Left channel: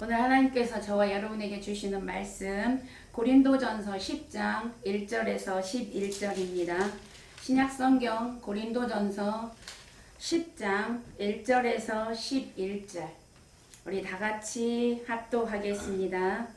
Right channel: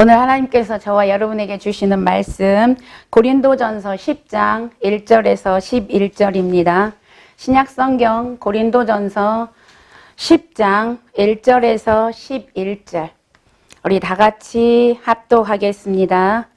오늘 하나님께서 저와 여러분에게 주시는 말씀 고린도전서 10장 1절에서 11절입니다. 신약성경 고린도전서 10장 1절에서 11절 우리 다같이 합독하겠습니다.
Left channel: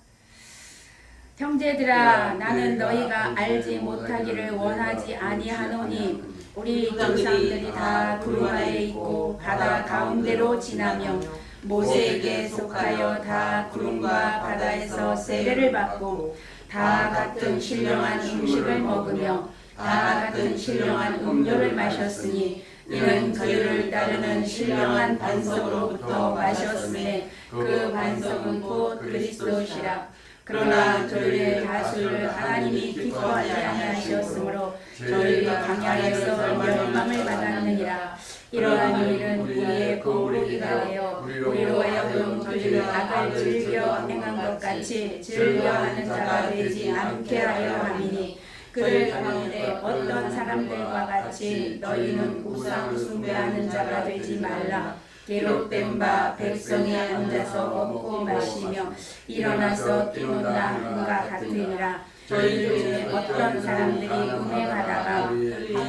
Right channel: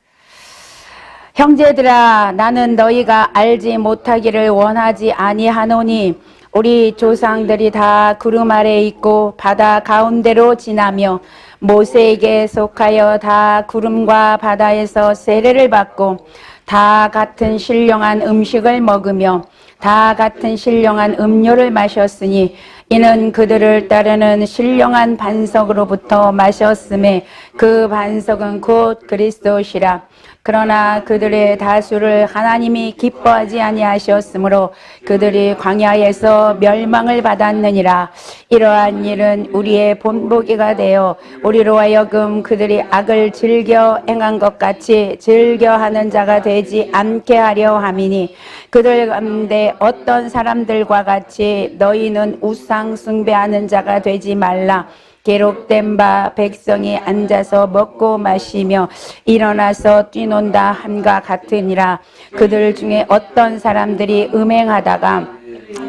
형제들아, 나는 너희가 알지 못하기를 원하지 아니하노니 우리 조상들이 다 구름 아래 있고 바다 가운데로 지나며 모세에게 속하여 다 구름과 바다에서 세례를 받고 다 같은 신령한 음식을 먹으며 다 같은 신령한 음료를 마셨으니 이는 그들을 따르는 신령한 반석으로부터 마셨음에 그 반석은 곧 그리스도시라. 그러나 그들의 다수를 하나님이 기뻐하지 아니하셨으므로 그들이 광야에서 멸망을 받았느니라. 이러한 일은 우리의 본보기가 되어 우리로 하여금 그들이 악을 즐겨 행한 것 같이 즐겨하는 자가 되지 않게 하려 함이니 그들 가운데 어떤 사람들과 같이 너희는 우상 숭배하는 자가 되지 말라. 기록된 바 백성이 앉아서 먹고 마시며 일어나서 뛰논다 함과 같으니라. 그들 중에 어떤 사람들이 음행하다가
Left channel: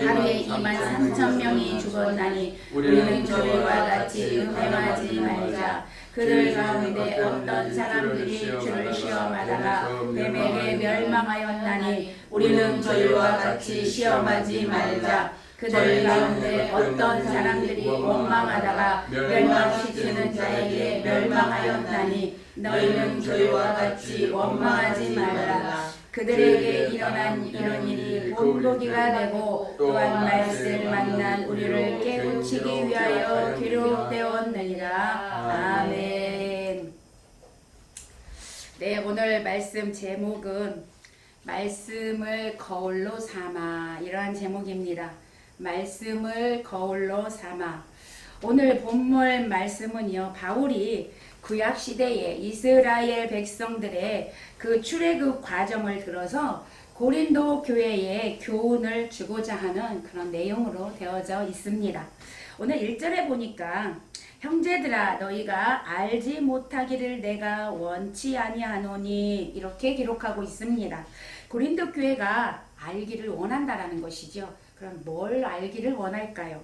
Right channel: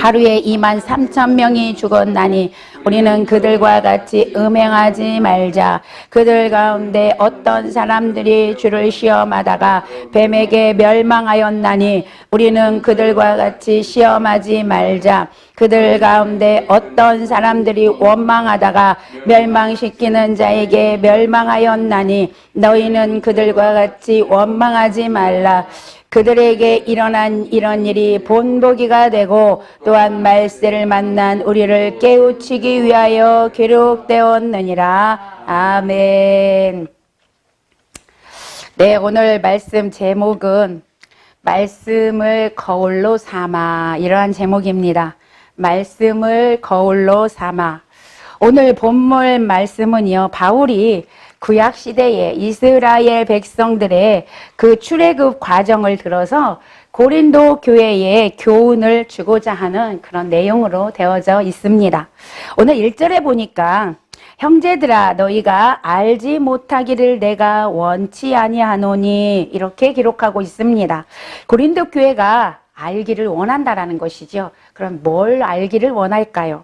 하루에 23,000명이 죽었나니 우리는 그들과 같이 음행하지 말자. 그들 가운데 어떤 사람들이 주를 시험하다가 뱀에게 멸망하였나니 우리는 그들과 같이 시험하지 말자. 그들 가운데 어떤 사람들이 원망하다가 멸망시키는 자에게 멸망하였나니 너희는 그들과 같이 원망하지 말라. 그들에게 일어난 이런 일이 본보기가 되고 또한 말세를 만난 우리를 깨우치기 위하여 기록되었느니라. 아멘. 네, 오늘 말씀 제목은 말씀을 거울로 삼아, 이러한 제목입니다. 말씀을 거울로 삼아. 오늘 본문 말씀은요, 바울이 구약시대에 이스라엘 백성들의 그 출애굽 과정을 들어서 고린도 교회에 교훈을 주고자 하는 그런 내용으로 되어져 있습니다. 오늘 1절에 보니까 형제들아, 너희가 알지 못하기를 내가 원치 아니하노니 이렇게 기록하고 있습니다. 고린도 교회가 알기를 원한다라는 것이죠. 그럼 뭘 알기를 원할까요?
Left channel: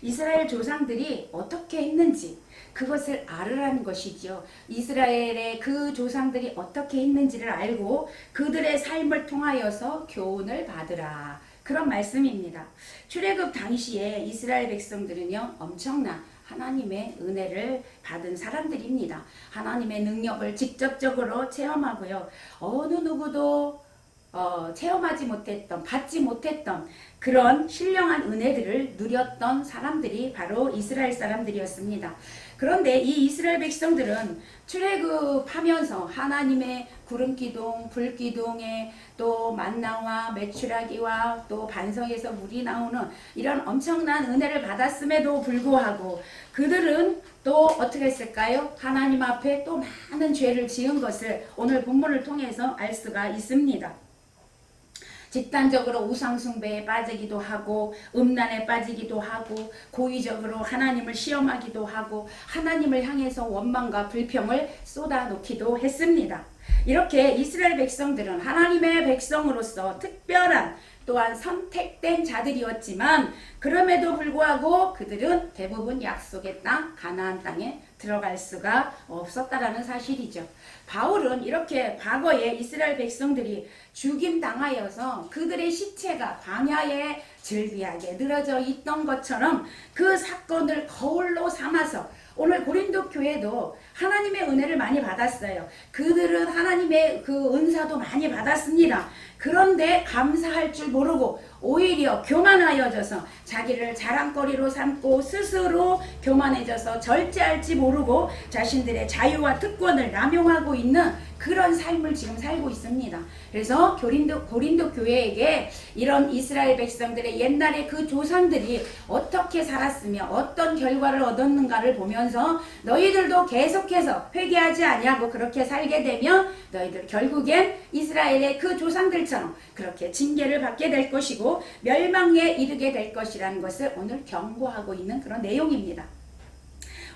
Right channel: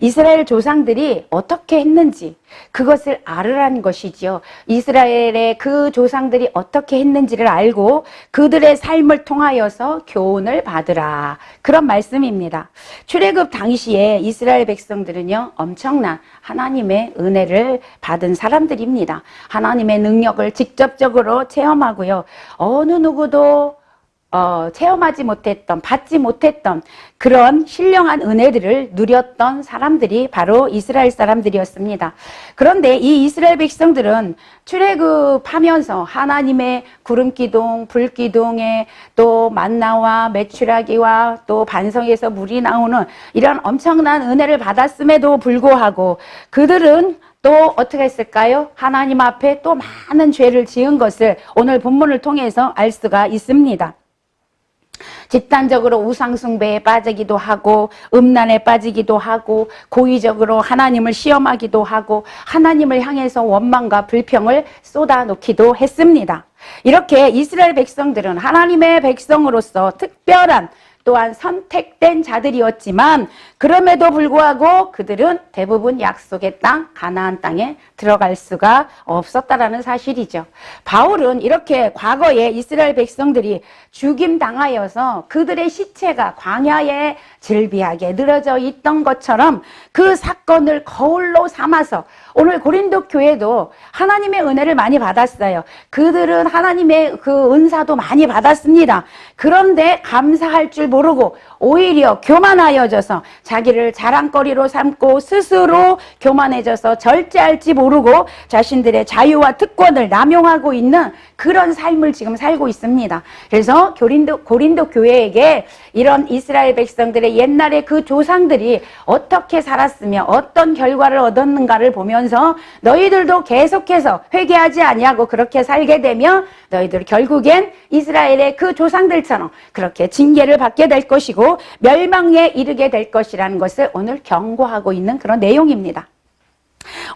이스라엘 조상들이 어떻게 했는지 그것을 알으라는 것이죠. 이스라엘의 그 조상들이 어떻게 했는지를 알고 그들의 삶을 통하여서 교훈을 받으라. 그런 말씀입니다. 출애굽 당시에 이스라엘 백성들은요, 엄청난 하나님의 은혜를 받은 사람들입니다. 하나님의 능력을 직접적으로 체험하고요. 어느 누구도 체험하지 못했던, 받지 못했던 그런 신령한 은혜들을 누렸던 사람들이 바로 이스라엘 사람들이었습니다. 그런데 이 이스라엘 백성들은 출애굽하면서 하나님의 구름기둥, 불기둥에 또 만나와 메추라기와 또 반석에서 물이 나오는 이런 엄청난 은혜를 받았음에도 불구하고 그들은 또 어떻게 했을까요? 하나님 앞에 또 많은 죄를 지은 것을 오늘 본문을 통해서 알 수가 있습니다. 집단적으로 우상숭배에 빠지기도 하고 음란에 빠지기도 하고 고의적으로 하나님을 시험하기도 하고 하나님을 향해서 원망과 불평을 쏟아놓기도 했습니다. 이렇게 이스라엘 백성들은 하나님의 백성으로서 특별한 또한 선택된 자들이었지만 그럼에도 불구하고 그들은 대부분 약속의 땅, 가나안 땅에 들어갈 수가 없었다라는 사실이죠. 바울은 이렇게 과거에 이스라엘 백성들이 죽임당하여서 그들의 시체가 광야에 즐비하게 늘어져 있던 것처럼 그 사건을 거울로 삼아서 오늘 고린도 교회도 하나님의 은혜를 많이 받았어요. 그들은 하나님의 그 은사도 많이 받았습니다. 그런데 감사할 줄 모르고 오히려 교만하여져서 자기를 자랑거리로 삼고 스스로 교만해져서 절제할지 모르고 자신들의 자유와 특권을 남용하고 있는 그런 삶을 지금 살고 있습니다. 그래서 고린도 교회에게 이런 이스라엘 백성들의 옛날에 그 조상들이 어떻게 살았으며 어떤 결과를 얻었는가를 보면서 너희들도 계속해서 회개하지 아니하고 그렇게 살게 되면 너희들 결국엔 이스라엘의 그 조상들처럼 그렇게 징계를 받게 될 것이고 멸망에 이르게 될 것이라는 것을 오늘 경고하고 있는 그런 내용입니다.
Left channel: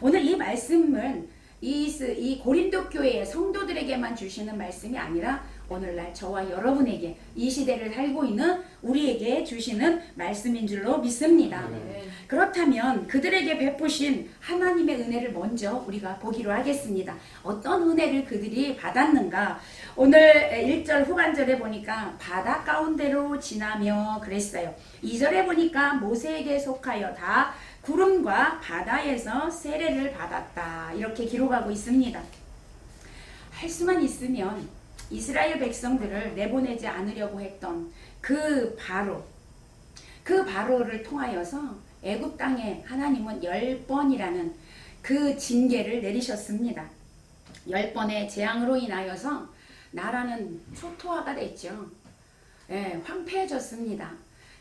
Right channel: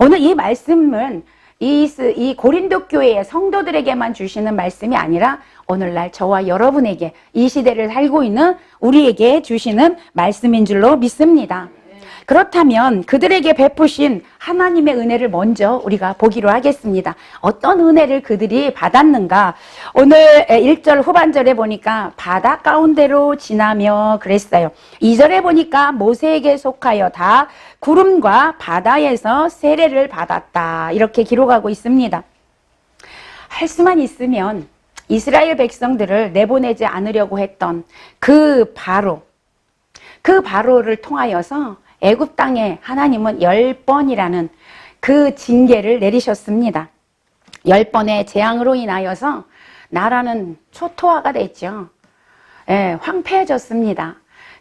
오늘 이 말씀은 이 고린도 교회의 성도들에게만 주시는 말씀이 아니라 오늘날 저와 여러분에게 이 시대를 살고 있는 우리에게 주시는 말씀인 줄로 믿습니다. 그렇다면 그들에게 베푸신 하나님의 은혜를 먼저 우리가 보기로 하겠습니다. 어떤 은혜를 그들이 받았는가? 오늘 1절 후반절에 보니까 바다 가운데로 지나며 그랬어요. 2절에 보니까 모세에게 속하여 다 구름과 바다에서 세례를 받았다. 이렇게 기록하고 있습니다. 할 수만 있으면 이스라엘 백성들을 내보내지 않으려고 했던 그 바로를 통하여서 애굽 땅에 하나님은 10번이라는 그 징계를 내리셨습니다. 10번의 재앙으로 인하여서 나라는 초토화가 됐죠. 황폐해졌습니다.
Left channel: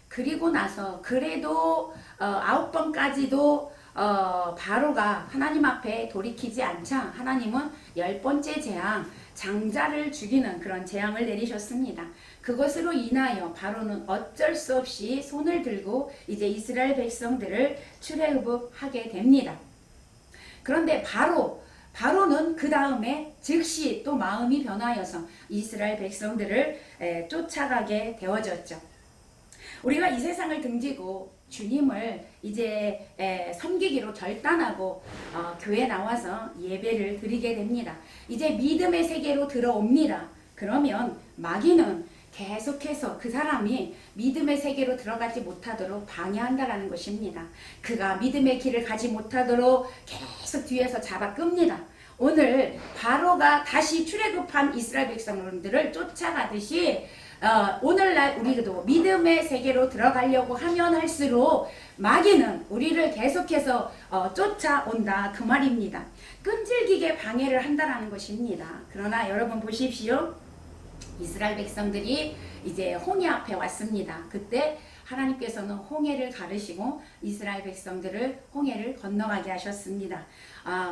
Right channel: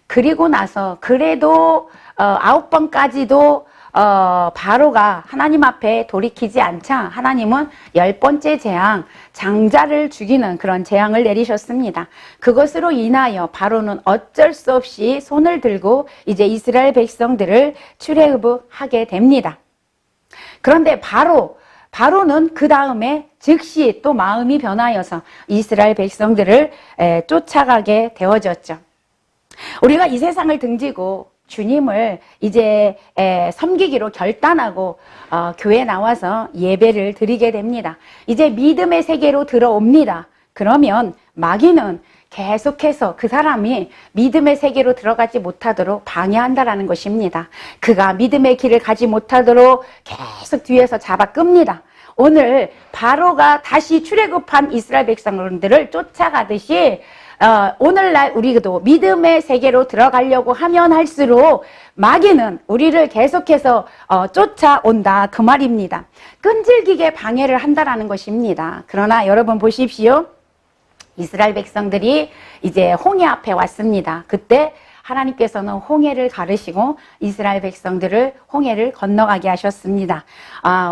그리고 나서 그래도 9번까지도 바로가 하나님 앞에 돌이키지 않자 하나님은 10번째 재앙, 장자를 죽이는 그런 재앙을 내리셨습니다. 그것으로 인하여 바로는 어쩔 수 없이 손을 들고 이제 이스라엘 백성들을 출애굽하게 됩니다. 그런데 바로는 그 다음에 즉시 또 마음이 변하여서 이스라엘 백성들을 쫓아가게 되어졌죠. 우리가 이 세상을 등지고 주님을 이제 섬기기로 결단하고 교회에 나와서 예배를 드리게 됩니다. 이제 믿음의 세계로 들어옵니다. 그러면 마귀는 계속해서 그 사람이 믿음의 세계로 들어가지 못하도록 방해한다라는 것입니다. 그가 믿음의 길을 가지 못하도록 계속 뒤에서 잡아 끕니다. 오늘 바로가 다시 출애굽한 이스라엘 백성들을 쫓아가듯이 오늘날 우리도 믿음의 세계로 들어가려고 하면 할수록 마귀는 우리를 계속해서 쫓아온다 그 말입니다. 끈질기게 방해를 한다라는 것입니다. 그러나 여러분 보십시오. 이스라엘 백성들이 이제 홍해 앞에 왔습니다. 그때 하나님께서는 홍해를 가르시고 이스라엘 백성들을 홍해를 건너가게 하셨습니다.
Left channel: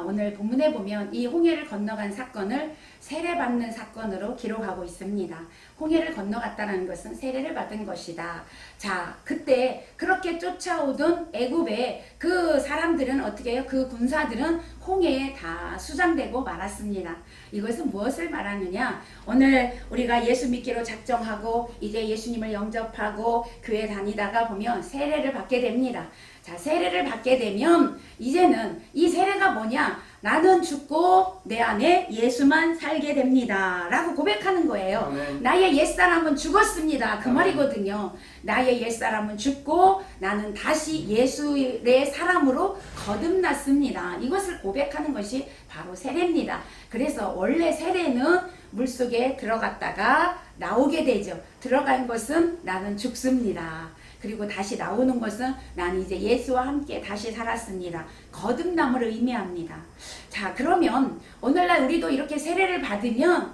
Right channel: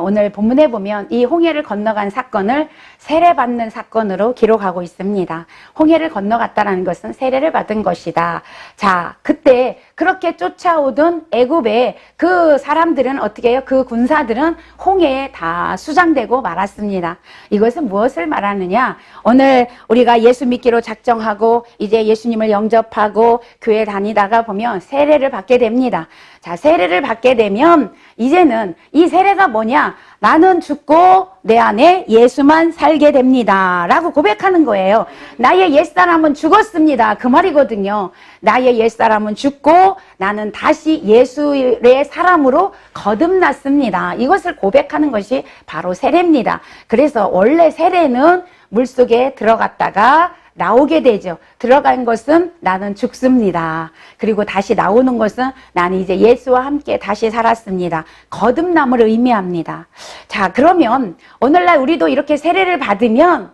오늘 본문에 보면 이 홍해를 건너간 사건을 세례받는 사건으로 기록하고 있습니다. 홍해를 건너갔다는 것은 세례를 받은 것이다. 자, 그때 그렇게 쫓아오던 애굽의 그 사람들은 어떻게 해요? 그 군사들은 홍해에 다 수장되고 말았습니다. 이것은 무엇을 말하느냐? 오늘 우리가 예수 믿기로 작정하고 이제 예수님을 영접하고 교회 다니다가 보면 세례를 받게 됩니다. 자, 세례를 받게 되면 이제는 이 세례가 뭐냐? 나는 죽고 내 안에 예수만 살게 됩니다. 라고 고백하는 거예요. 나의 옛사람은 죽었습니다. 그 말이거든요. 나의 옛사람은 죽고 나는 다시 예수의 사람으로 거듭났습니다. 이것을 고백하는 것이 바로 세례입니다. 그래서 원래 세례는 물속에 들어갔다가 나오게 되죠. 들어간 것은 나는 죽습니다. 그리고 다시 나오는 것은 나는 이제 예수와 함께 다시 살았습니다. 거듭남을 의미합니다. 자, 그러면 오늘날 우리도 이렇게 세례를 받으면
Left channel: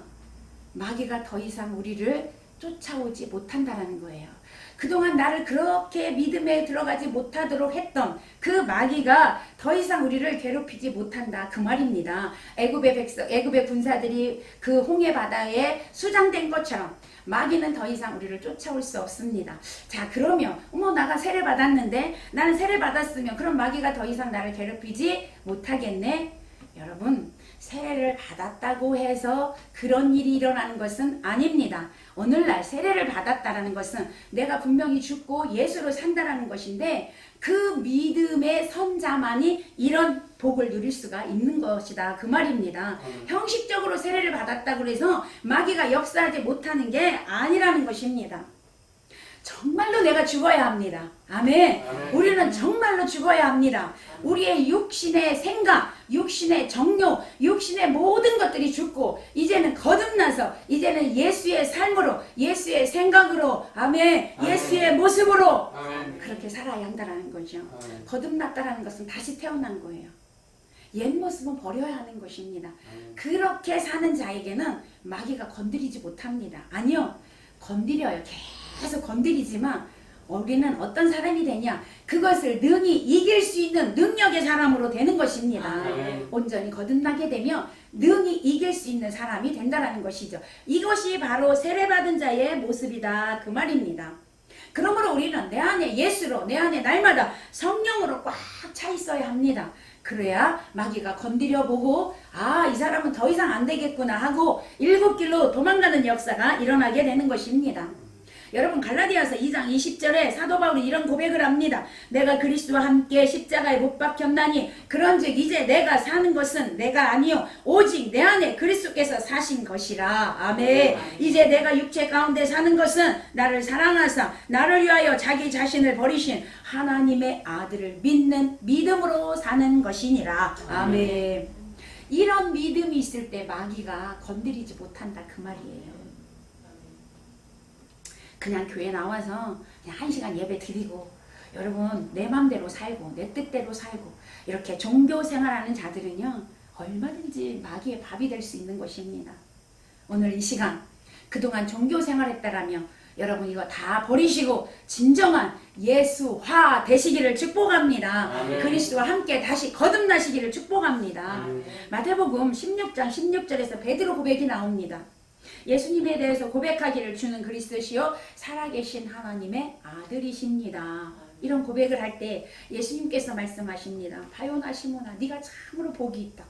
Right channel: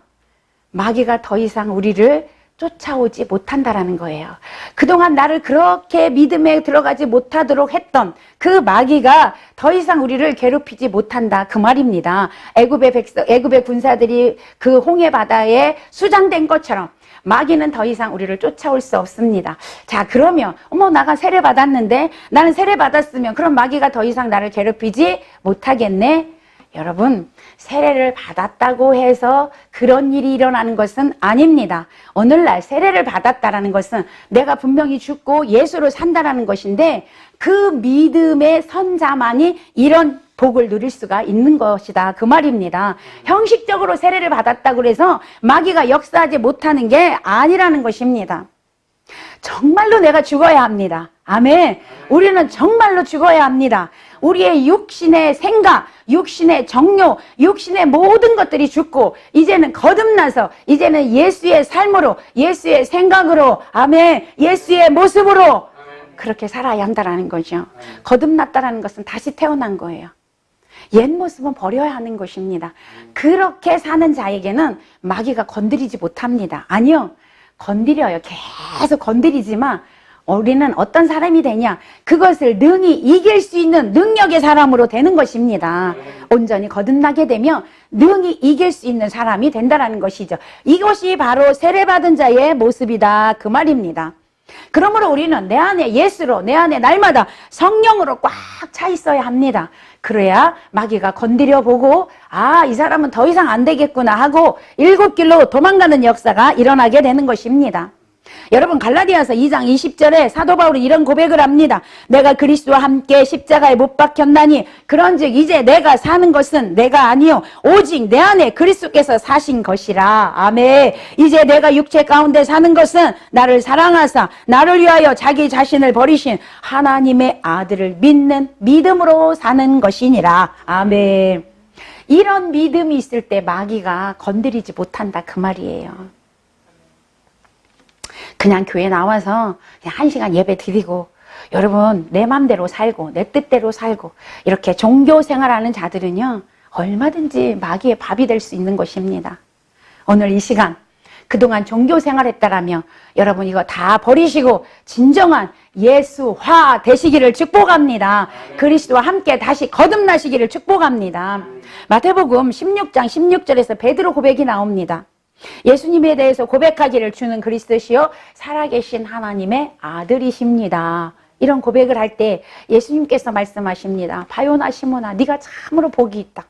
마귀가 더 이상 우리를 쫓아오지 못한다라는 거예요. 그동안 나를 그렇게 믿음에 들어가지 못하도록 했던 그 마귀가 더 이상 우리를 괴롭히지 못한다 그 말입니다. 애굽의 군사들이 그 홍해 바다에 수장된 것처럼 마귀는 더 이상 우리를 쫓아올 수 없습니다. 자, 그러면 나가 세례 받았는데 나는 세례 받았으면 그럼 마귀가 더 이상 나를 괴롭히지 못하겠네. 여러분, 세례를 받았다고 해서 그런 일이 일어나는 것은 아닙니다. 오늘날 세례를 받았다라는 것은 내가 분명히 죽고 예수로 산다라는 것인데 그 믿음의 선자만이 이런 복을 누릴 수가 있는 것이다 그 말입니다. 형식적으로 세례를 받았다고 해서 마귀가 역사하지 못하는 게 아니라는 것입니다. 정말로 내가 죽어야 합니다. 아멘. 우리는 정말로 죽어야 합니다. 우리의 육신의 생각, 육신의 정욕, 육신의 모든 것들이 죽고 이제는 거듭나서 이제는 예수의 삶으로, 예수의 생각으로, 아멘, 예수의 모습으로 그렇게 살아야 한다는 거죠. 거듭났다는 것은 다시 태어난 거예요. 옛 모습은 버려야 하는 것입니다. 그렇게 사는 자에게는 마귀가 건드리지 못합니다. 아니요, 건드려요. 계속 건드리지만 우리는 어떤 사람이 되냐? 그것을 능히 이길 수 있는 능력의 사람으로 되는 것입니다. 온전히 거듭나게 되면 능히 이길 수 있는 사람이 된다는 것이죠. 이것이 바로 세례받은 자의 모습이다 그 말입니다. 그러므로 우리는 내 안에 예수로, 내 안에 날마다 성령으로 꽉 차 있어야 합니다. 그래야 마귀가 건드려 보고 아, 이 사람은 더 이상 안 되겠구나 하고 일곱 길로 도망가는 역사가 일어나게 되는 것입니다. 여러분 갈라디아서 2장 20절에 사도 바울이 이런 고백을 합니다. 내가 그리스도와 함께 십자가에 못 박혔나니 그런즉 이제 내가 사는 것은 내가 아니요 오직 내 안에 그리스도께서 사신 것이라. 아멘. 이제 내가 육체 가운데 사는 것은 나를 사랑하사 나를 위하여 자기 자신을 버리신 하나님의 아들을 믿는 믿음으로 사는 것이니라. 아멘. 이런 믿음이 있을 때 마귀가 건드리지 못한다 그 말이에요. 그냥 교회 나와서 그냥 1시간 예배 드리고 여러분 내 맘대로 살고 내 뜻대로 살고 이렇게 종교 생활하는 자들은요 얼마든지 마귀의 밥이 될 수 있는 것입니다. 오늘 이 시간 그동안 종교 생활했다라며 여러분 이거 다 버리시고 진정한 예수화 되시기를 축복합니다. 그리스도와 함께 다시 거듭나시기를 축복합니다. 마태복음 16장 16절에서 베드로 고백이 나옵니다. 예수님에 대해서 고백하기를 주는 그리스도시요 살아계신 하나님의 아들이십니다. 이런 고백을 할 때 예수님께서 말씀하십니다. 바요나 시몬아 네가 참으로 복이 있다.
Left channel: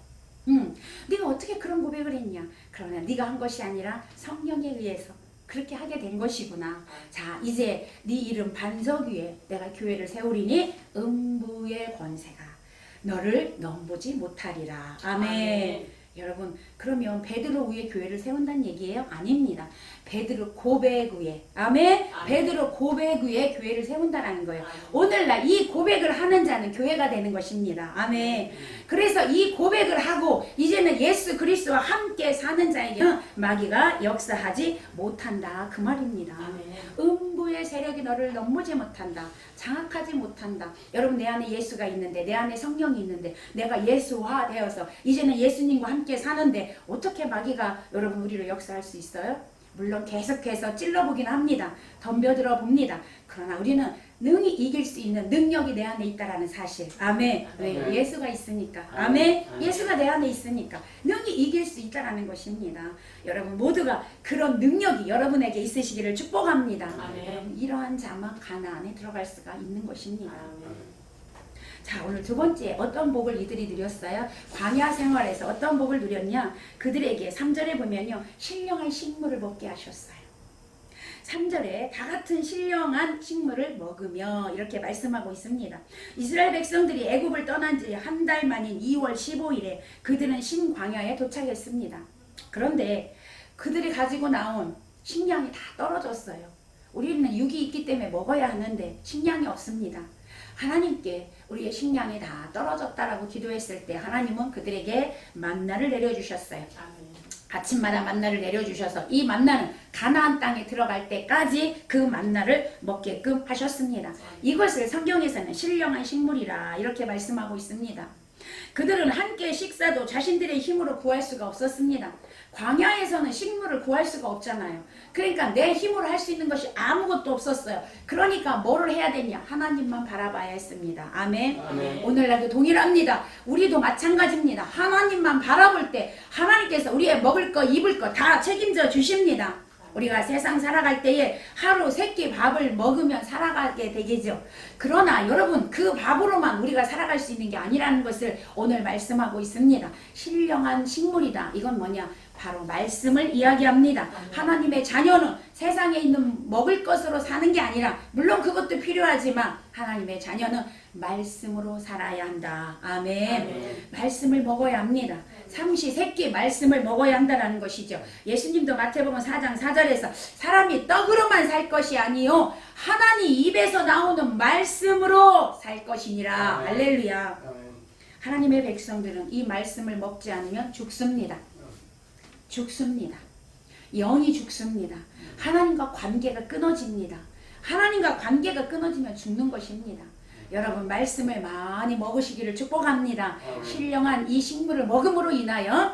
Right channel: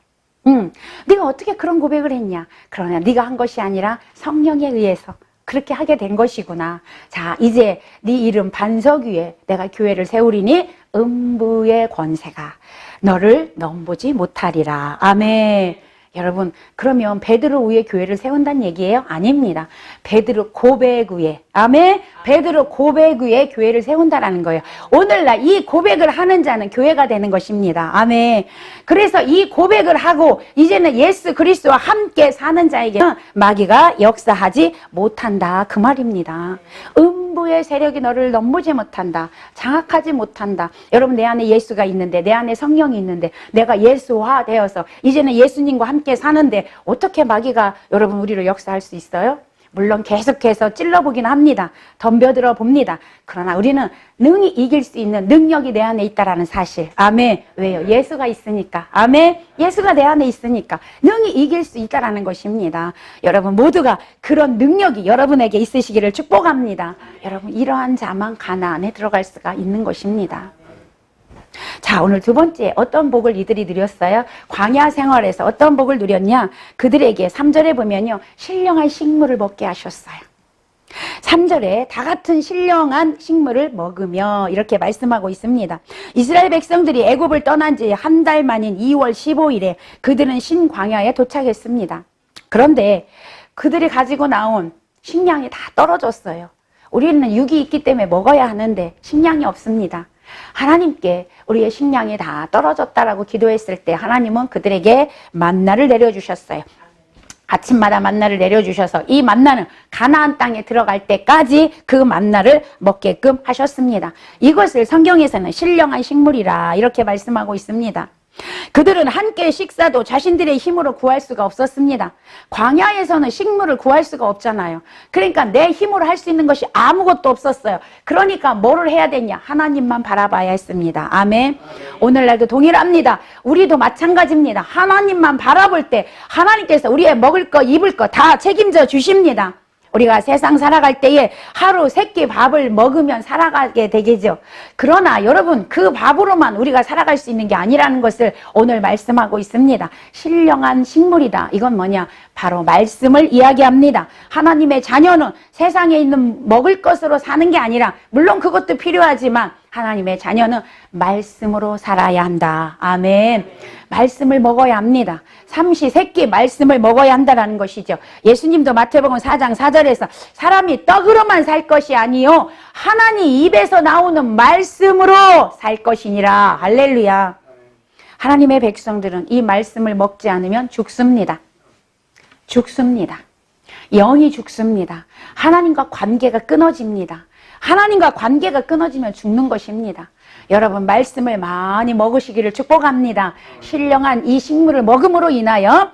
네가 어떻게 그런 고백을 했냐. 그러나 네가 한 것이 아니라 성령에 의해서 그렇게 하게 된 것이구나. 자 이제 네 이름 반석 위에 내가 교회를 세우리니 음부의 권세가 너를 넘보지 못하리라. 아멘. 여러분 그러면 베드로 위에 교회를 세운다는 얘기예요? 아닙니다. 베드로 고백 위에 아멘. 베드로 고백 위에 교회를 세운다라는 거예요. 오늘날 이 고백을 하는 자는 교회가 되는 것입니다. 아멘. 그래서 이 고백을 하고 이제는 예수 그리스도와 함께 사는 자에게는 마귀가 역사하지 못한다 그 말입니다. 음부의 세력이 너를 넘보지 못한다. 장악하지 못한다. 여러분 내 안에 예수가 있는데 내 안에 성령이 있는데 내가 예수화 되어서 이제는 예수님과 함께 사는데 어떻게 마귀가 여러분 우리를 역사할 수 있어요? 물론 계속해서 찔러보긴 합니다. 덤벼들어 봅니다. 그러나 우리는 능히 이길 수 있는 능력이 내 안에 있다라는 사실. 아멘. 왜요? 예수가 있으니까. 아멘. 예수가 내 안에 있으니까 능히 이길 수 있다라는 것입니다. 여러분 모두가 그런 능력이 여러분에게 있으시기를 축복합니다. 여러분 이러한 자만 가나안에 들어갈 수가 있는 것입니다. 자 오늘 두 번째 어떤 복을 이들이 누렸어요? 광야 생활에서 어떤 복을 누렸냐? 그들에게 3절에 보면요 신령한 식물을 먹게 하셨어요. 3절에 다 같은 신령한 식물을 먹으며 이렇게 말씀하고 있습니다. 이스라엘 백성들이 애굽을 떠난 지 한 달 만인 2월 15일에 그들은 신광야에 도착했습니다. 그런데 그들이 가지고 나온 식량이 다 떨어졌어요. 우리는 육이 있기 때문에 먹어야 하는데 식량이 없습니다. 하나님께 우리의 식량이 다 떨어졌다라고 기도했을 때 하나님은 그들에게 만나를 내려주셨어요. 아침마다 만나를 내려주셔서 이 만나는 가나안 땅에 들어갈 때까지 그 만나를 먹게끔 하셨습니다. 이것을 성경에서는 신령한 식물이라 이렇게 말씀하고 있습니다. 그들은 한 끼의 식사도 자신들의 힘으로 구할 수가 없었습니다. 광야에서는 식물을 구할 수가 없잖아요. 그러니까 내 힘으로 할 수 있는 것이 아무것도 없었어요. 그러니까 뭐를 해야 되냐? 하나님만 바라봐야 했습니다. 아멘. 오늘날도 동일합니다. 우리도 마찬가지입니다. 하나님만 바라볼 때 하나님께서 우리의 먹을 거 입을 거 다 책임져 주십니다. 우리가 세상 살아갈 때에 하루 3끼 밥을 먹으면 살아가게 되겠죠. 그러나 여러분 그 밥으로만 우리가 살아갈 수 있는 게 아니라는 것을 오늘 말씀하고 있습니다. 신령한 식물이다. 이건 뭐냐? 바로 말씀을 이야기합니다. 하나님의 자녀는 세상에 있는 먹을 것으로 사는 게 아니라 물론 그것도 필요하지만 하나님의 자녀는 말씀으로 살아야 한다. 아멘. 말씀을 먹어야 합니다. 삼시세끼 말씀을 먹어야 한다는 것이죠. 예수님도 마태복음 4장 4절에서 사람이 떡으로만 살 것이 아니요 하나님 입에서 나오는 말씀으로 살 것이니라. 할렐루야. 하나님의 백성들은 이 말씀을 먹지 않으면 죽습니다. 죽습니다. 영이 죽습니다. 하나님과 관계가 끊어집니다. 하나님과 관계가 끊어지면 죽는 것입니다. 여러분 말씀을 많이 먹으시기를 축복합니다. 신령한 이 식물을 먹음으로 인하여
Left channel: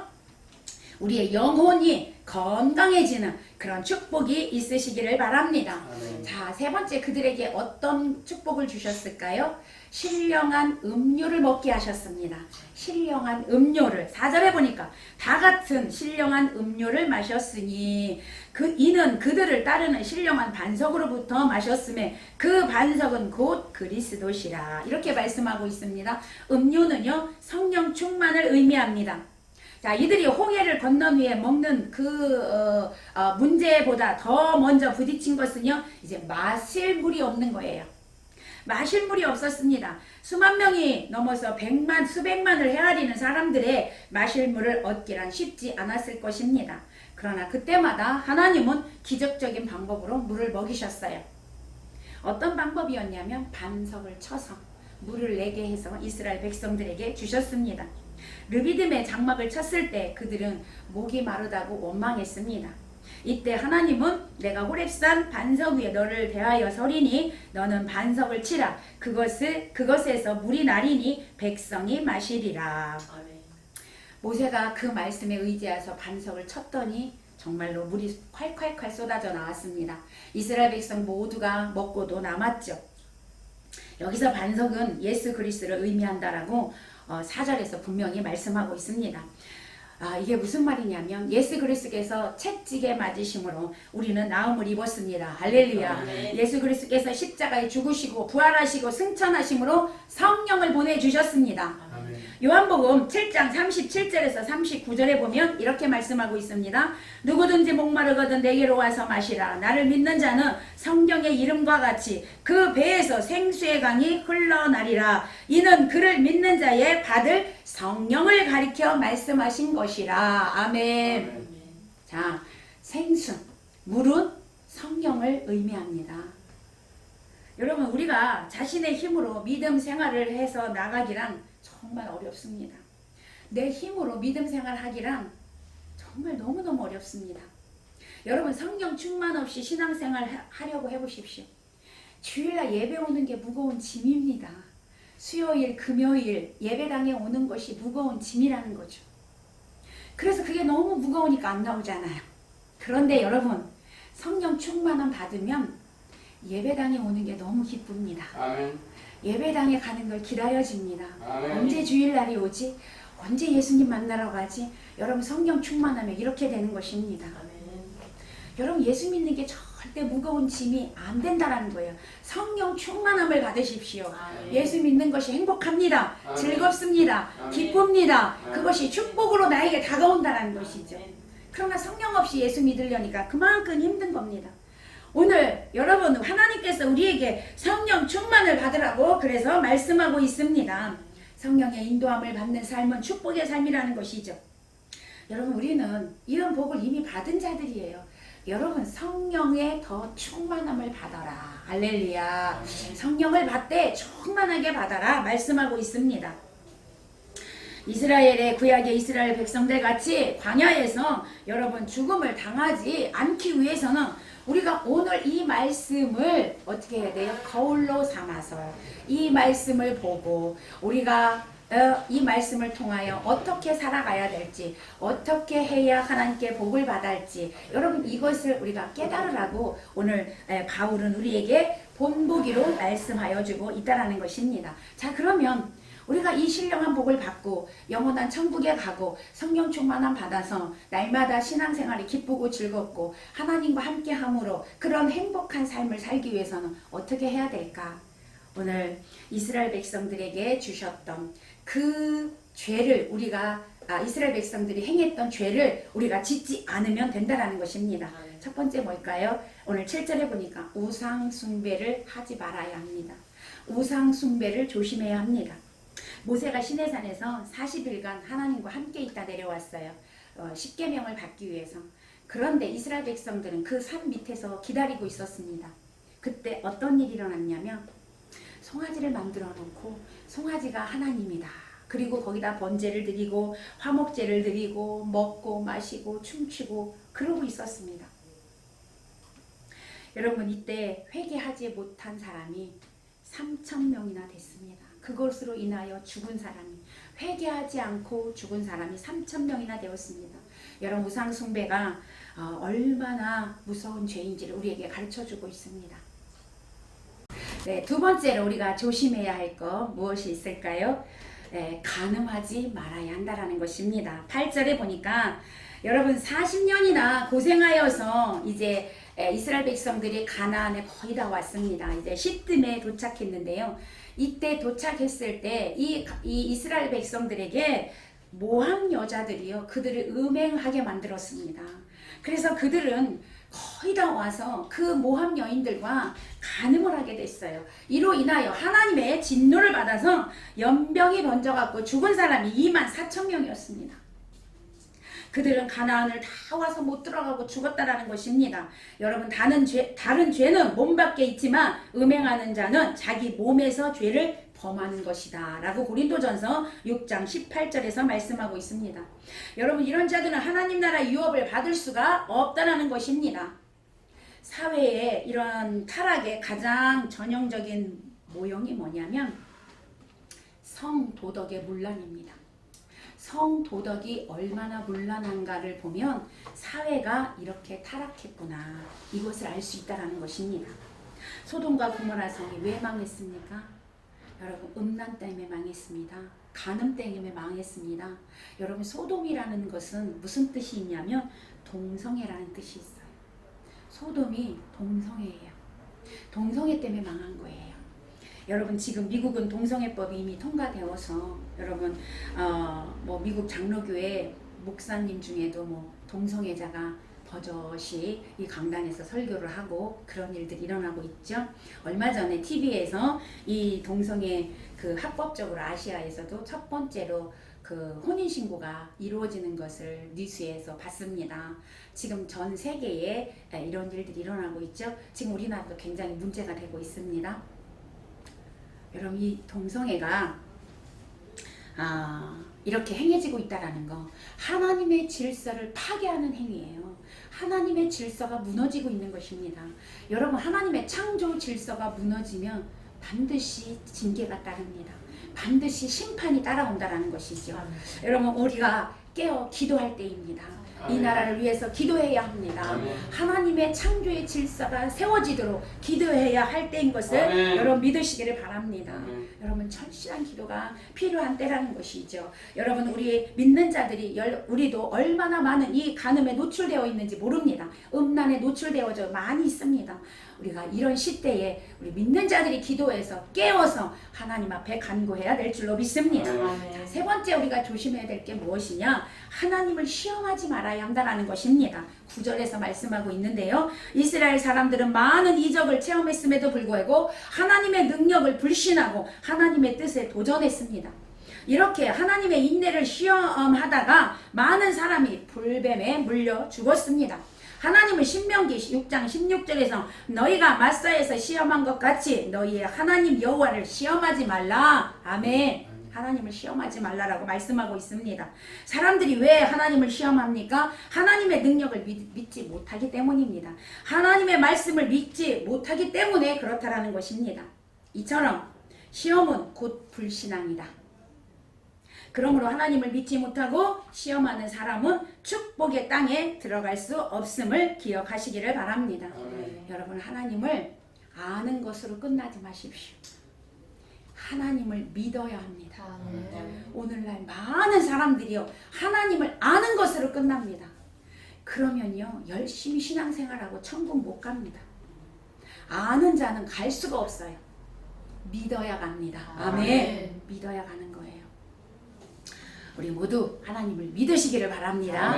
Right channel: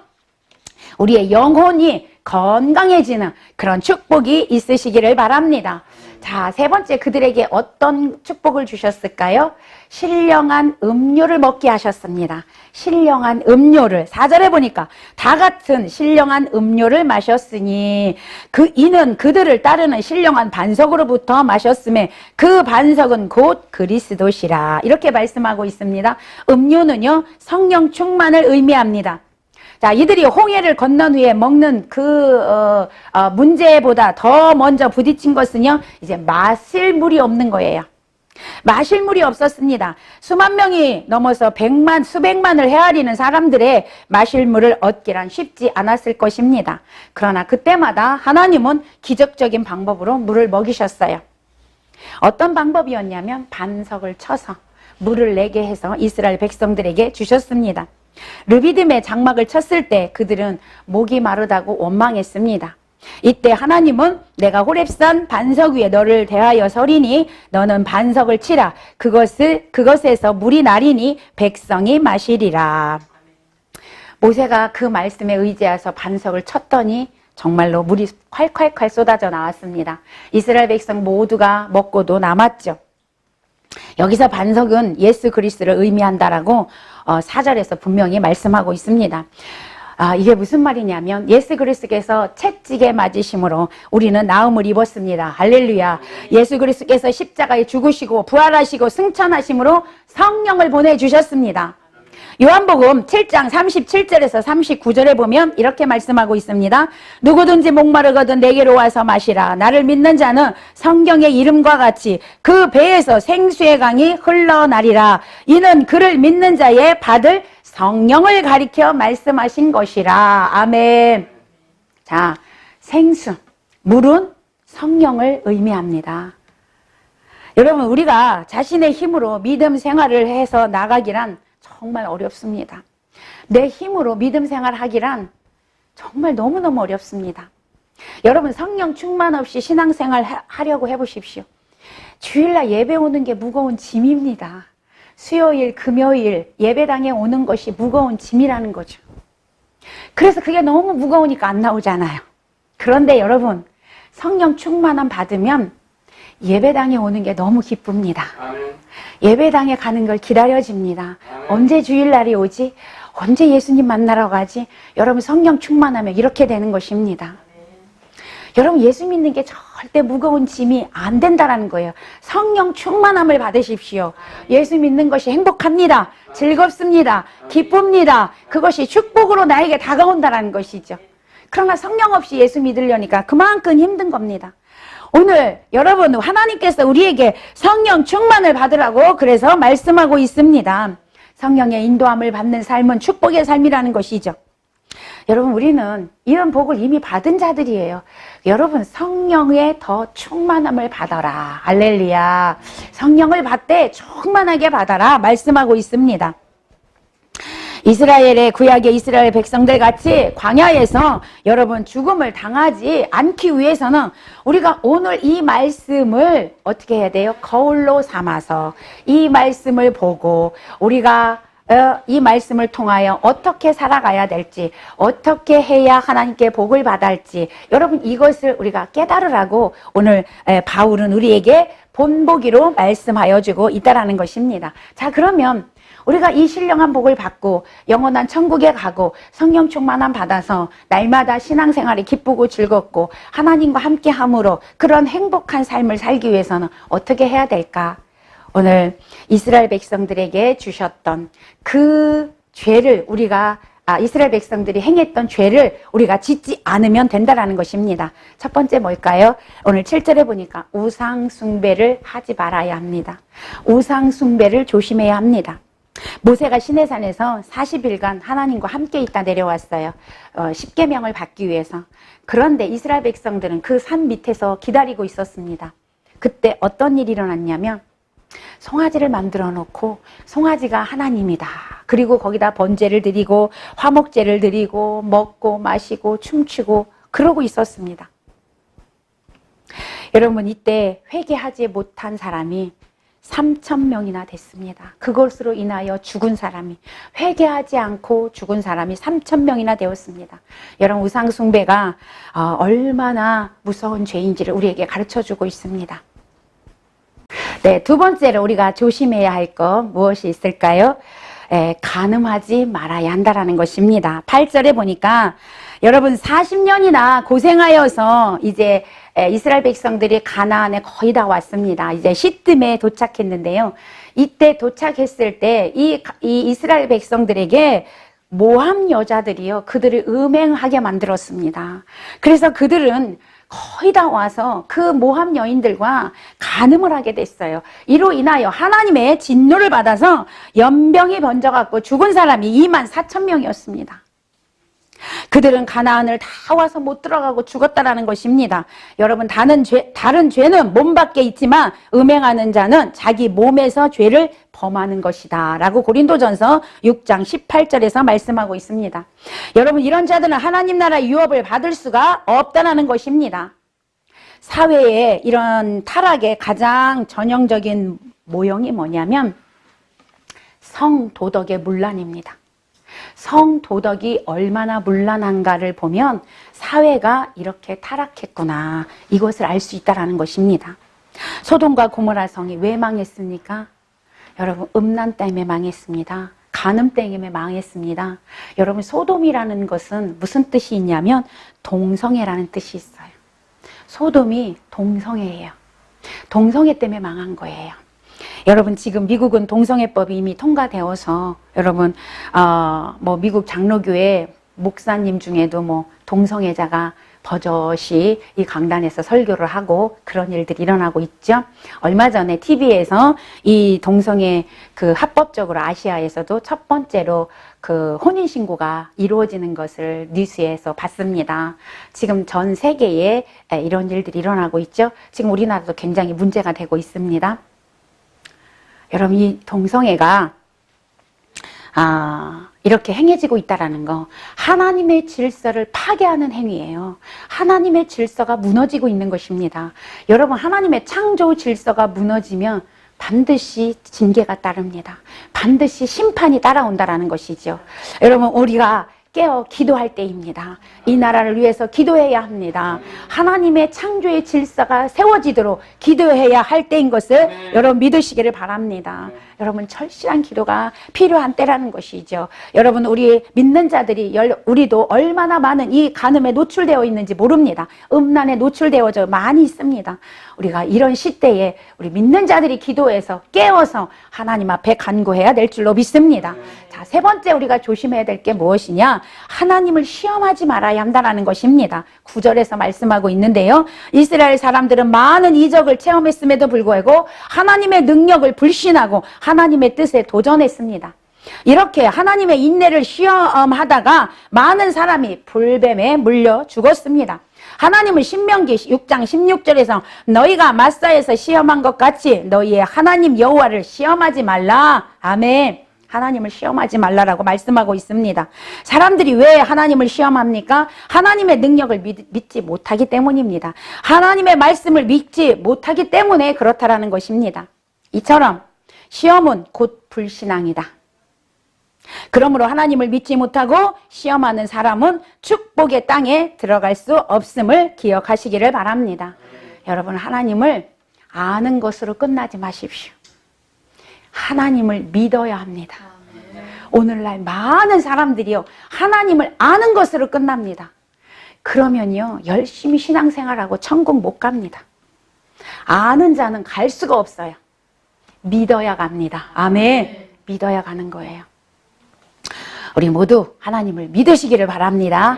우리의 영혼이 건강해지는 그런 축복이 있으시기를 바랍니다. 자, 세 번째 그들에게 어떤 축복을 주셨을까요? 신령한 음료를 먹게 하셨습니다. 신령한 음료를 4절에 보니까 다 같은 신령한 음료를 마셨으니 이는 그들을 따르는 신령한 반석으로부터 마셨음에 그 반석은 곧 그리스도시라. 이렇게 말씀하고 있습니다. 음료는요, 성령 충만을 의미합니다. 자, 이들이 홍해를 건넌 후에 먹는 문제보다 더 먼저 부딪힌 것은요, 이제 마실 물이 없는 거예요. 마실 물이 없었습니다. 수만 명이 넘어서 수백만을 헤아리는 사람들의 마실 물을 얻기란 쉽지 않았을 것입니다. 그러나 그때마다 하나님은 기적적인 방법으로 물을 먹이셨어요. 어떤 방법이었냐면 반석을 쳐서 물을 내게 해서 이스라엘 백성들에게 주셨습니다. 르비딤의 장막을 쳤을 때 그들은 목이 마르다고 원망했습니다. 이때 하나님은 내가 호렙산 반석 위에 너를 대하여 서리니 너는 반석을 치라. 그것에서 물이 나리니 백성이 마시리라. 모세가 그 말씀에 의지해서 반석을 쳤더니 정말로 물이 콸콸콸 쏟아져 나왔습니다. 이스라엘 백성 모두가 먹고도 남았죠. 여기서 반석은 예수 그리스도를 의미한다라고 4절에서 분명히 말씀하고 있습니다. 이게 무슨 말이냐면 예수 그리스도께서 채찍에 맞으심으로 우리는 나음을 입었습니다. 할렐루야. 예수 그리스도께서 십자가에 죽으시고 부활하시고 승천하심으로 성령을 보내주셨습니다. 요한복음 7장 37절에서 39절에 보면 이렇게 말씀하고 있습니다. 누구든지 목마르거든 내게로 와서 마시라. 나를 믿는 자는 성경의 이름과 같이 그 배에서 생수의 강이 흘러나리라. 이는 그를 믿는 자의 받을 성령을 가리켜 말씀하신 것이라. 아멘. 자, 생수, 물은 성령을 의미합니다. 여러분, 우리가 자신의 힘으로 믿음 생활을 해서 나가기란 정말 어렵습니다. 내 힘으로 믿음 생활하기란 정말 너무너무 어렵습니다. 여러분, 성령 충만 없이 신앙생활 하려고 해보십시오. 주일날 예배 오는 게 무거운 짐입니다. 수요일, 금요일 예배당에 오는 것이 무거운 짐이라는 거죠. 그래서 그게 너무 무거우니까 안 나오잖아요. 그런데 여러분, 성령 충만함 받으면 예배당에 오는 게 너무 기쁩니다. 예배당에 가는 걸 기다려집니다. 언제 주일날이 오지? 언제 예수님 만나러 가지? 여러분, 성령 충만하면 이렇게 되는 것입니다. 여러분, 예수 믿는 게 절대 무거운 짐이 안 된다라는 거예요. 성령 충만함을 받으십시오. 예수 믿는 것이 행복합니다. 즐겁습니다. 기쁩니다. 그것이 축복으로 나에게 다가온다라는 것이죠. 그러나 성령 없이 예수 믿으려니까 그만큼 힘든 겁니다. 오늘 여러분, 하나님께서 우리에게 성령 충만을 받으라고 그래서 말씀하고 있습니다. 성령의 인도함을 받는 삶은 축복의 삶이라는 것이죠. 여러분, 우리는 이런 복을 이미 받은 자들이에요. 여러분, 성령의 더 충만함을 받아라. 할렐루야. 성령을 받되 충만하게 받아라 말씀하고 있습니다. 이스라엘의 구약의 이스라엘 백성들 같이 광야에서 여러분 죽음을 당하지 않기 위해서는 우리가 오늘 이 말씀을 어떻게 해야 돼요? 거울로 삼아서 이 말씀을 보고 우리가 이 말씀을 통하여 어떻게 살아가야 될지, 어떻게 해야 하나님께 복을 받을지, 여러분 이것을 우리가 깨달으라고 오늘 바울은 우리에게 본보기로 말씀하여 주고 있다라는 것입니다. 자, 그러면 우리가 이 신령한 복을 받고 영원한 천국에 가고 성령 충만함 받아서 날마다 신앙생활이 기쁘고 즐겁고 하나님과 함께함으로 그런 행복한 삶을 살기 위해서는 어떻게 해야 될까? 오늘 이스라엘 백성들에게 주셨던 그 죄를 이스라엘 백성들이 행했던 죄를 우리가 짓지 않으면 된다라는 것입니다. 첫 번째 뭘까요? 오늘 7절에 보니까 우상 숭배를 하지 말아야 합니다. 우상 숭배를 조심해야 합니다. 모세가 시내산에서 40일간 하나님과 함께 있다 내려왔어요. 10계명을 받기 위해서. 그런데 이스라엘 백성들은 그 산 밑에서 기다리고 있었습니다. 그때 어떤 일이 일어났냐면 송아지를 만들어 놓고 송아지가 하나님이다. 그리고 거기다 번제를 드리고 화목제를 드리고 먹고 마시고 춤추고 그러고 있었습니다. 여러분, 이때 회개하지 못한 사람이 3,000명이나 됐습니다. 그것으로 인하여 죽은 사람이, 회개하지 않고 죽은 사람이 3,000명이나 되었습니다. 여러분, 우상 숭배가 얼마나 무서운 죄인지를 우리에게 가르쳐주고 있습니다. 네, 두 번째로 우리가 조심해야 할 것 무엇이 있을까요? 간음하지 말아야 한다라는 것입니다. 8절에 보니까 여러분 40년이나 고생하여서 이제 이스라엘 백성들이 가나안에 거의 다 왔습니다. 이제 시뜸에 도착했는데요. 이때 도착했을 때 이 이스라엘 백성들에게 모함 여자들이요, 그들을 음행하게 만들었습니다. 그래서 그들은 거의 다 와서 그 모함 여인들과 간음을 하게 됐어요. 이로 인하여 하나님의 진노를 받아서 연병이 번져갖고 죽은 사람이 24,000명이었습니다. 그들은 가나안을 다 와서 못 들어가고 죽었다라는 것입니다. 여러분, 다른 죄는 몸 밖에 있지만 음행하는 자는 자기 몸에서 죄를 범하는 것이다 라고 고린도전서 6장 18절에서 말씀하고 있습니다. 여러분, 이런 자들은 하나님 나라 유업을 받을 수가 없다는 것입니다. 사회의 이런 타락의 가장 전형적인 모형이 뭐냐면 성도덕의 문란입니다. 성도덕이 얼마나 문란한가를 보면 사회가 이렇게 타락했구나, 이것을 알 수 있다는 것입니다. 소돔과 고모라 성이 왜 망했습니까? 여러분, 음란 때문에 망했습니다. 간음 때문에 망했습니다. 여러분, 소돔이라는 것은 무슨 뜻이 있냐면 동성애라는 뜻이 있어요. 소돔이 동성애예요. 동성애 때문에 망한 거예요. 여러분, 지금 미국은 동성애법이 이미 통과되어서 여러분 미국 장로교회 목사님 중에도 동성애자가 버젓이 이 강단에서 설교를 하고 그런 일들이 일어나고 있죠. 얼마 전에 TV에서 이 동성애 그 합법적으로 아시아에서도 첫 번째로 그 혼인신고가 이루어지는 것을 뉴스에서 봤습니다. 지금 전 세계에 이런 일들이 일어나고 있죠. 지금 우리나라도 굉장히 문제가 되고 있습니다. 여러분, 이 동성애가 이렇게 행해지고 있다는 거, 하나님의 질서를 파괴하는 행위예요. 하나님의 질서가 무너지고 있는 것입니다. 여러분, 하나님의 창조 질서가 무너지면 반드시 징계가 따릅니다. 반드시 심판이 따라온다는 것이죠. 여러분, 우리가 깨어 기도할 때입니다. 이 나라를 위해서 기도해야 합니다. 하나님의 창조의 질서가 세워지도록 기도해야 할 때인 것을 여러분 믿으시기를 바랍니다. 여러분, 철실한 기도가 필요한 때라는 것이죠. 여러분, 우리 믿는 자들이 우리도 얼마나 많은 이 간음에 노출되어 있는지 모릅니다. 음란에 노출되어져 많이 있습니다. 우리가 이런 시대에 우리 믿는 자들이 기도해서 깨워서 하나님 앞에 간구해야 될 줄로 믿습니다. 자, 세 번째 우리가 조심해야 될 게 무엇이냐? 하나님을 시험하지 말아야 한다는 것입니다. 9절에서 말씀하고 있는데요. 이스라엘 사람들은 많은 이적을 체험했음에도 불구하고 하나님의 능력을 불신하고 하나님의 뜻에 도전했습니다. 이렇게 하나님의 인내를 시험하다가 많은 사람이 불뱀에 물려 죽었습니다. 하나님은 신명기 6장 16절에서 너희가 마사에서 시험한 것 같이 너희의 하나님 여호와를 시험하지 말라. 아멘. 하나님을 시험하지 말라라고 말씀하고 있습니다. 사람들이 왜 하나님을 시험합니까? 하나님의 능력을 믿지 못하기 때문입니다. 하나님의 말씀을 믿지 못하기 때문에 그렇다라는 것입니다. 이처럼 시험은 곧 불신앙이다. 그러므로 하나님을 믿지 못하고 시험하는 사람은 축복의 땅에 들어갈 수 없음을 기억하시기를 바랍니다. 여러분, 하나님을 아는 것으로 끝나지 마십시오. 하나님을 믿어야 합니다. 오늘날 많은 사람들이요, 하나님을 아는 것으로 끝납니다. 그러면요, 열심히 신앙생활하고 천국 못 갑니다. 아는 자는 갈 수가 없어요. 믿어야 갑니다. 아멘. 믿어야 가는 거예요. 우리 모두 하나님을 믿으시기를 바랍니다.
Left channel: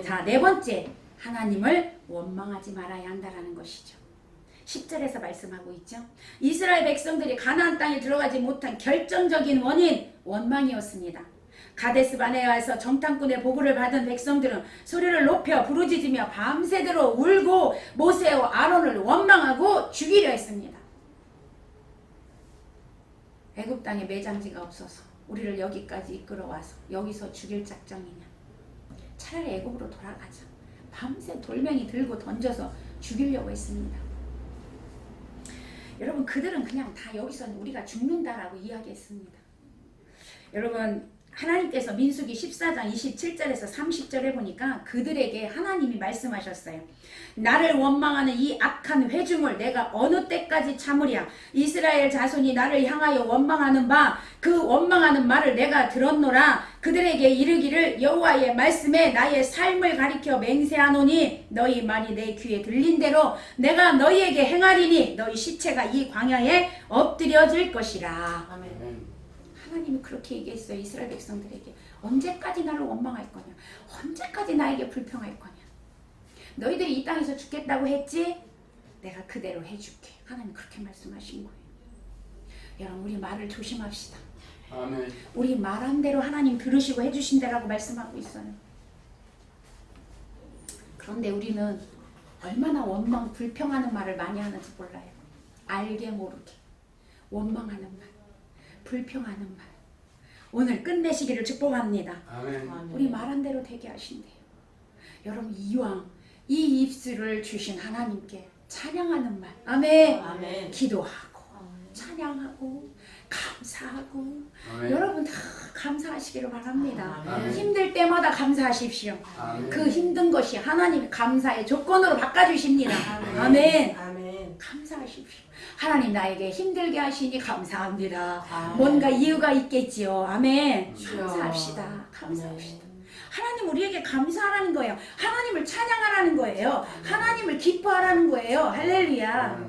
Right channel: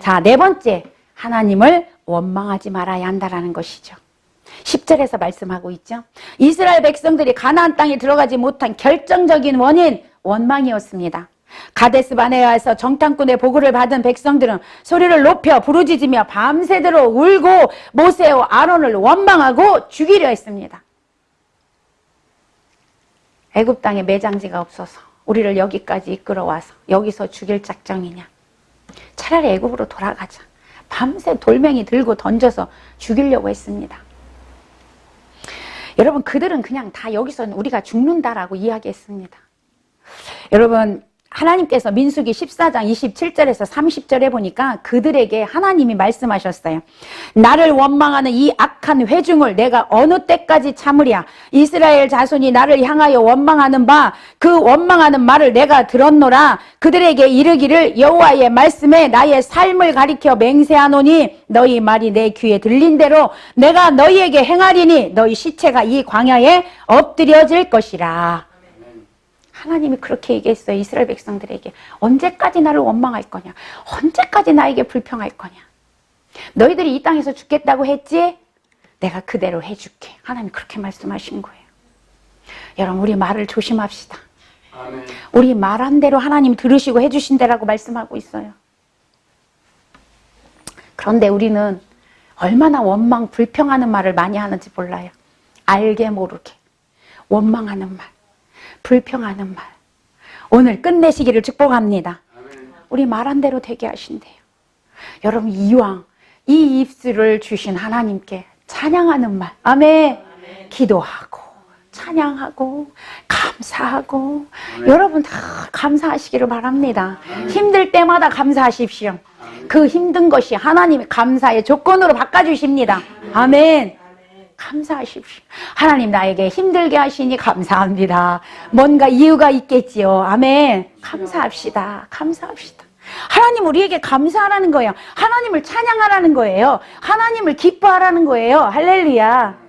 자, 네 번째, 하나님을 원망하지 말아야 한다는 것이죠. 10절에서 말씀하고 있죠. 이스라엘 백성들이 가나안 땅에 들어가지 못한 결정적인 원인, 원망이었습니다. 가데스 바네아에서 정탐꾼의 보고를 받은 백성들은 소리를 높여 부르짖으며 밤새도록 울고 모세와 아론을 원망하고 죽이려 했습니다. 애굽 땅에 매장지가 없어서 우리를 여기까지 이끌어와서 여기서 죽일 작정이냐? 차라리 애굽으로 돌아가자. 밤새 돌멩이 들고 던져서 죽이려고 했습니다. 여러분, 그들은 그냥 다 여기서 우리가 죽는다라고 이야기했습니다. 여러분, 하나님께서 민수기 14장 27절에서 30절에 보니까 그들에게 하나님이 말씀하셨어요. 나를 원망하는 이 악한 회중을 내가 어느 때까지 참으랴. 이스라엘 자손이 나를 향하여 원망하는 바 그 원망하는 말을 내가 들었노라. 그들에게 이르기를 여호와의 말씀에 나의 삶을 가리켜 맹세하노니 너희 말이 내 귀에 들린 대로 내가 너희에게 행하리니 너희 시체가 이 광야에 엎드려질 것이라. 하나님이 그렇게 얘기했어요. 이스라엘 백성들에게. 언제까지 나를 원망할 거냐? 언제까지 나에게 불평할 거냐? 너희들이 이 땅에서 죽겠다고 했지? 내가 그대로 해줄게. 하나님이 그렇게 말씀하신 거예요. 여러분, 우리 말을 조심합시다. 아멘. 우리 말한 대로 하나님 들으시고 해주신 대라고 말씀하고 있어요. 그런데 우리는 얼마나 원망, 불평하는 말을 많이 하는지 몰라요. 알게 모르게 원망하는 말, 불평하는 말. 오늘 끝내시기를 축복합니다. 아멘. 우리 말한 대로 되게 하신대요. 여러분, 이왕 이 입술을 주신 하나님께 찬양하는 말, 아멘. 아멘. 기도하고 찬양하고 감사하고 아멘. 여러분 다 감사하시기를 바랍니다. 아멘. 힘들 때마다 감사하십시오. 아멘. 그 힘든 것이 하나님의 감사의 조건으로 바꿔주십니다. 아멘. 감사하십시오. 하나님 나에게 힘들게 하시니 감사합니다. 뭔가 이유가 있겠지요. 아멘. 감사합시다. 감사합시다. 하나님 우리에게 감사하라는 거예요. 하나님을 찬양하라는 거예요. 하나님을 기뻐하라는 거예요. 할렐루야.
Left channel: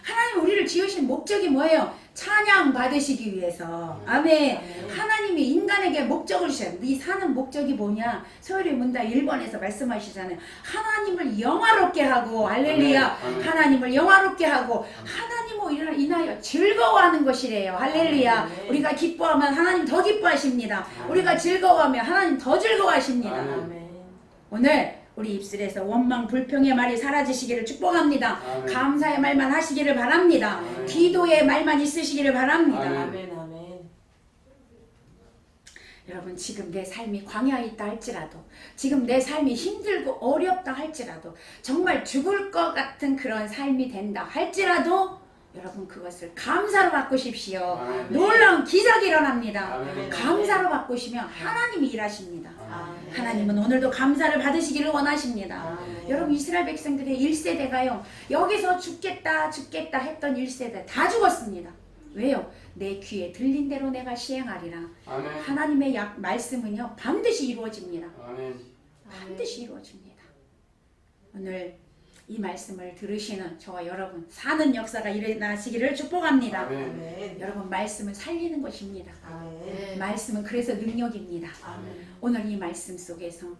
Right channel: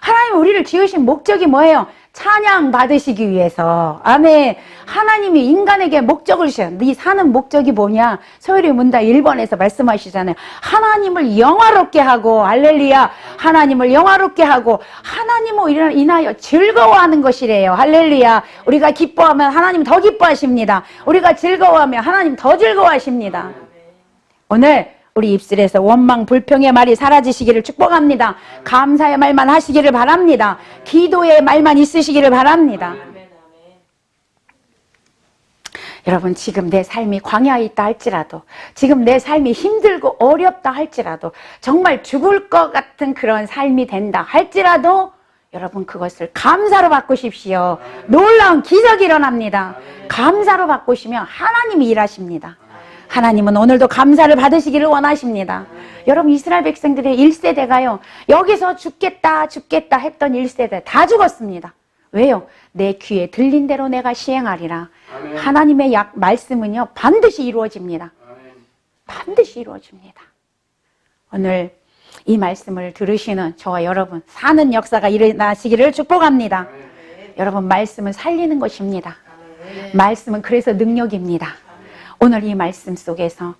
하나님 우리를 지으신 목적이 뭐예요? 찬양 받으시기 위해서. 아멘. 하나님이 인간에게 목적을 주셔요. 네 사는 목적이 뭐냐? 소요리 문답 1번에서 말씀하시잖아요. 하나님을 영화롭게 하고, 할렐루야. 하나님을 영화롭게 하고, 하나님을 인하여 즐거워하는 것이래요. 할렐루야. 우리가 기뻐하면 하나님 더 기뻐하십니다. 우리가 즐거워하면 하나님 더 즐거워하십니다. 오늘 우리 입술에서 원망, 불평의 말이 사라지시기를 축복합니다. 감사의 말만 하시기를 바랍니다. 기도의 말만 있으시기를 바랍니다. 여러분, 지금 내 삶이 광야에 있다 할지라도, 지금 내 삶이 힘들고 어렵다 할지라도, 정말 죽을 것 같은 그런 삶이 된다 할지라도 여러분 그것을 감사로 바꾸십시오. 놀라운 기적이 일어납니다. 감사로 바꾸시면 하나님이 일하십니다. 하나님은 오늘도 감사를 받으시기를 원하십니다. 여러분, 이스라엘 백성들의 1세대가요 여기서 죽겠다 죽겠다 했던 1세대 다 죽었습니다. 왜요? 내 귀에 들린 대로 내가 시행하리라. 아멘. 하나님의 말씀은요 반드시 이루어집니다. 아멘. 반드시 이루어집니다. 오늘 이 말씀을 들으시는 저와 여러분 사는 역사가 일어나시기를 축복합니다. 아멘. 여러분, 말씀은 살리는 것입니다. 아멘. 말씀은 그래서 능력입니다. 오늘 이 말씀 속에서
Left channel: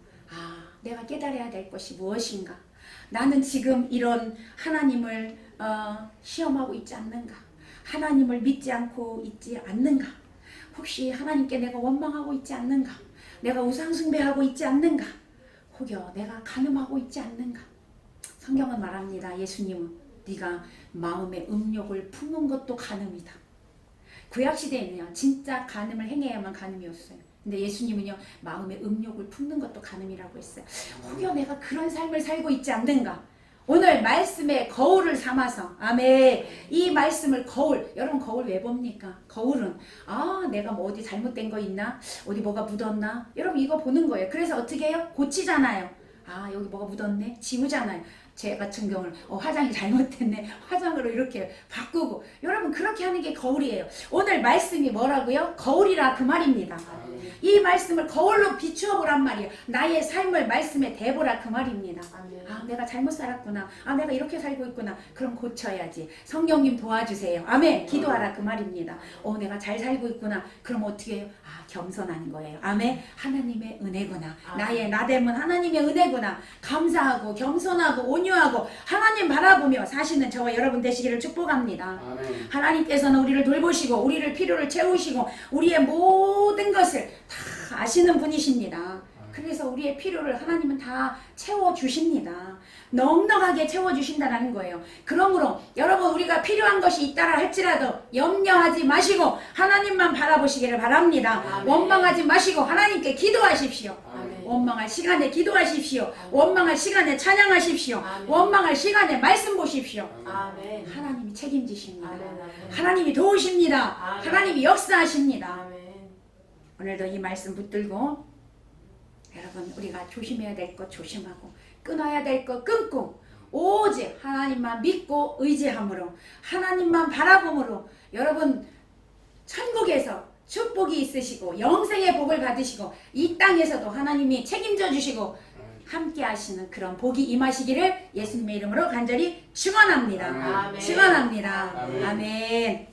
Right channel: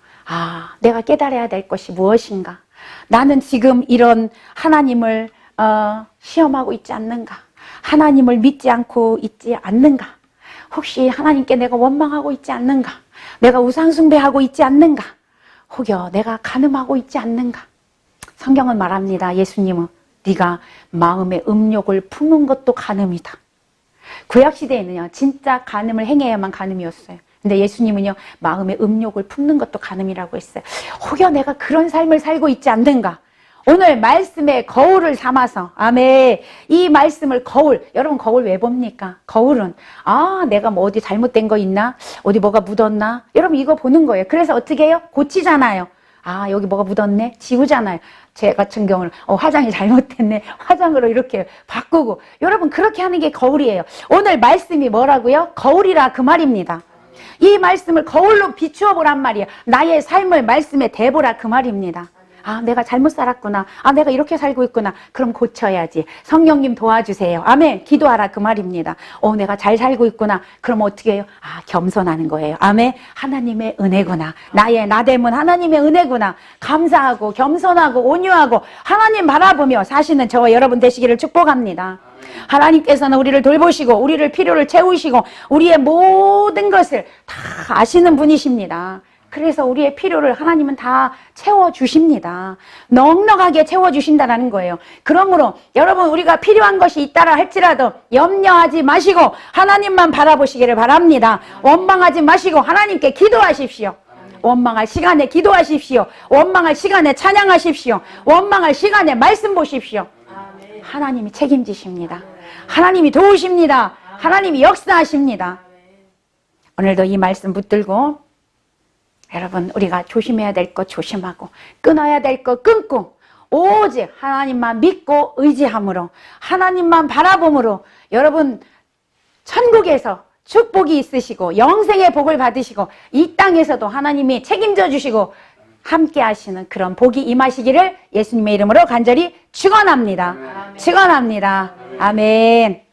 내가 깨달아야 될 것이 무엇인가? 나는 지금 이런 하나님을 시험하고 있지 않는가? 하나님을 믿지 않고 있지 않는가? 혹시 하나님께 내가 원망하고 있지 않는가? 내가 우상숭배하고 있지 않는가? 혹여 내가 간음하고 있지 않는가? 성경은 말합니다. 예수님은 네가 마음의 음욕을 품는 것도 간음이다. 구약시대에는요 진짜 간음을 행해야만 간음이었어요. 근데 예수님은요 마음의 음욕을 품는 것도 간음이라고 했어요. 혹여 내가 그런 삶을 살고 있지 않는가? 오늘 말씀의 거울을 삼아서, 아멘. 이 말씀을 거울, 여러분 거울 왜 봅니까? 거울은 내가 뭐 어디 잘못된 거 있나? 어디 뭐가 묻었나? 여러분 이거 보는 거예요. 그래서 어떻게 해요? 고치잖아요. 여기 뭐가 묻었네? 지우잖아요. 제 같은 경우는 화장이 잘못됐네. 화장으로 이렇게 바꾸고. 여러분 그렇게 하는 게 거울이에요. 오늘 말씀이 뭐라고요? 거울이라 그 말입니다. 이 말씀을 거울로 비추어 보란 말이에요. 나의 삶을 말씀에 대보라 그 말입니다. 내가 잘못 살았구나. 내가 이렇게 살고 있구나. 그럼 고쳐야지. 성령님 도와주세요. 아멘. 기도하라 그 말입니다. 내가 잘 살고 있구나. 그럼 어떻게 해요? 겸손하는 거예요. 아멘. 하나님의 은혜구나. 나의 나됨은 하나님의 은혜구나. 감사하고 겸손하고 온유하고 하나님 바라보며 사시는 저와 여러분 되시기를 축복합니다. 아멘. 하나님께서는 우리를 돌보시고 우리를 필요를 채우시고 우리의 모든 것을 다 아시는 분이십니다. 그래서 우리의 필요를 하나님은 다 채워주십니다. 넉넉하게 채워주신다는 거예요. 그러므로 여러분 우리가 필요한 것이 있다라 할지라도 염려하지 마시고 하나님만 바라보시기를 바랍니다. 원망하지 마시고 하나님께 기도하십시오. 원망할 시간에 기도하십시오. 원망할 시간에 찬양하십시오. 원망할 시간에 말씀 보십시오. 하나님이 책임지십니다. 하나님이 도우십니다. 하나님이 역사하십니다. 오늘도 이 말씀 붙들고 여러분 우리가 조심해야 될 것 조심하고 끊어야 될 것 끊고 오직 하나님만 믿고 의지함으로 하나님만 바라봄으로 여러분 천국에서 축복이 있으시고 영생의 복을 받으시고 이 땅에서도 하나님이 책임져 주시고 함께 하시는 그런 복이 임하시기를 예수님의 이름으로 간절히 축원합니다. 축원합니다. 아멘.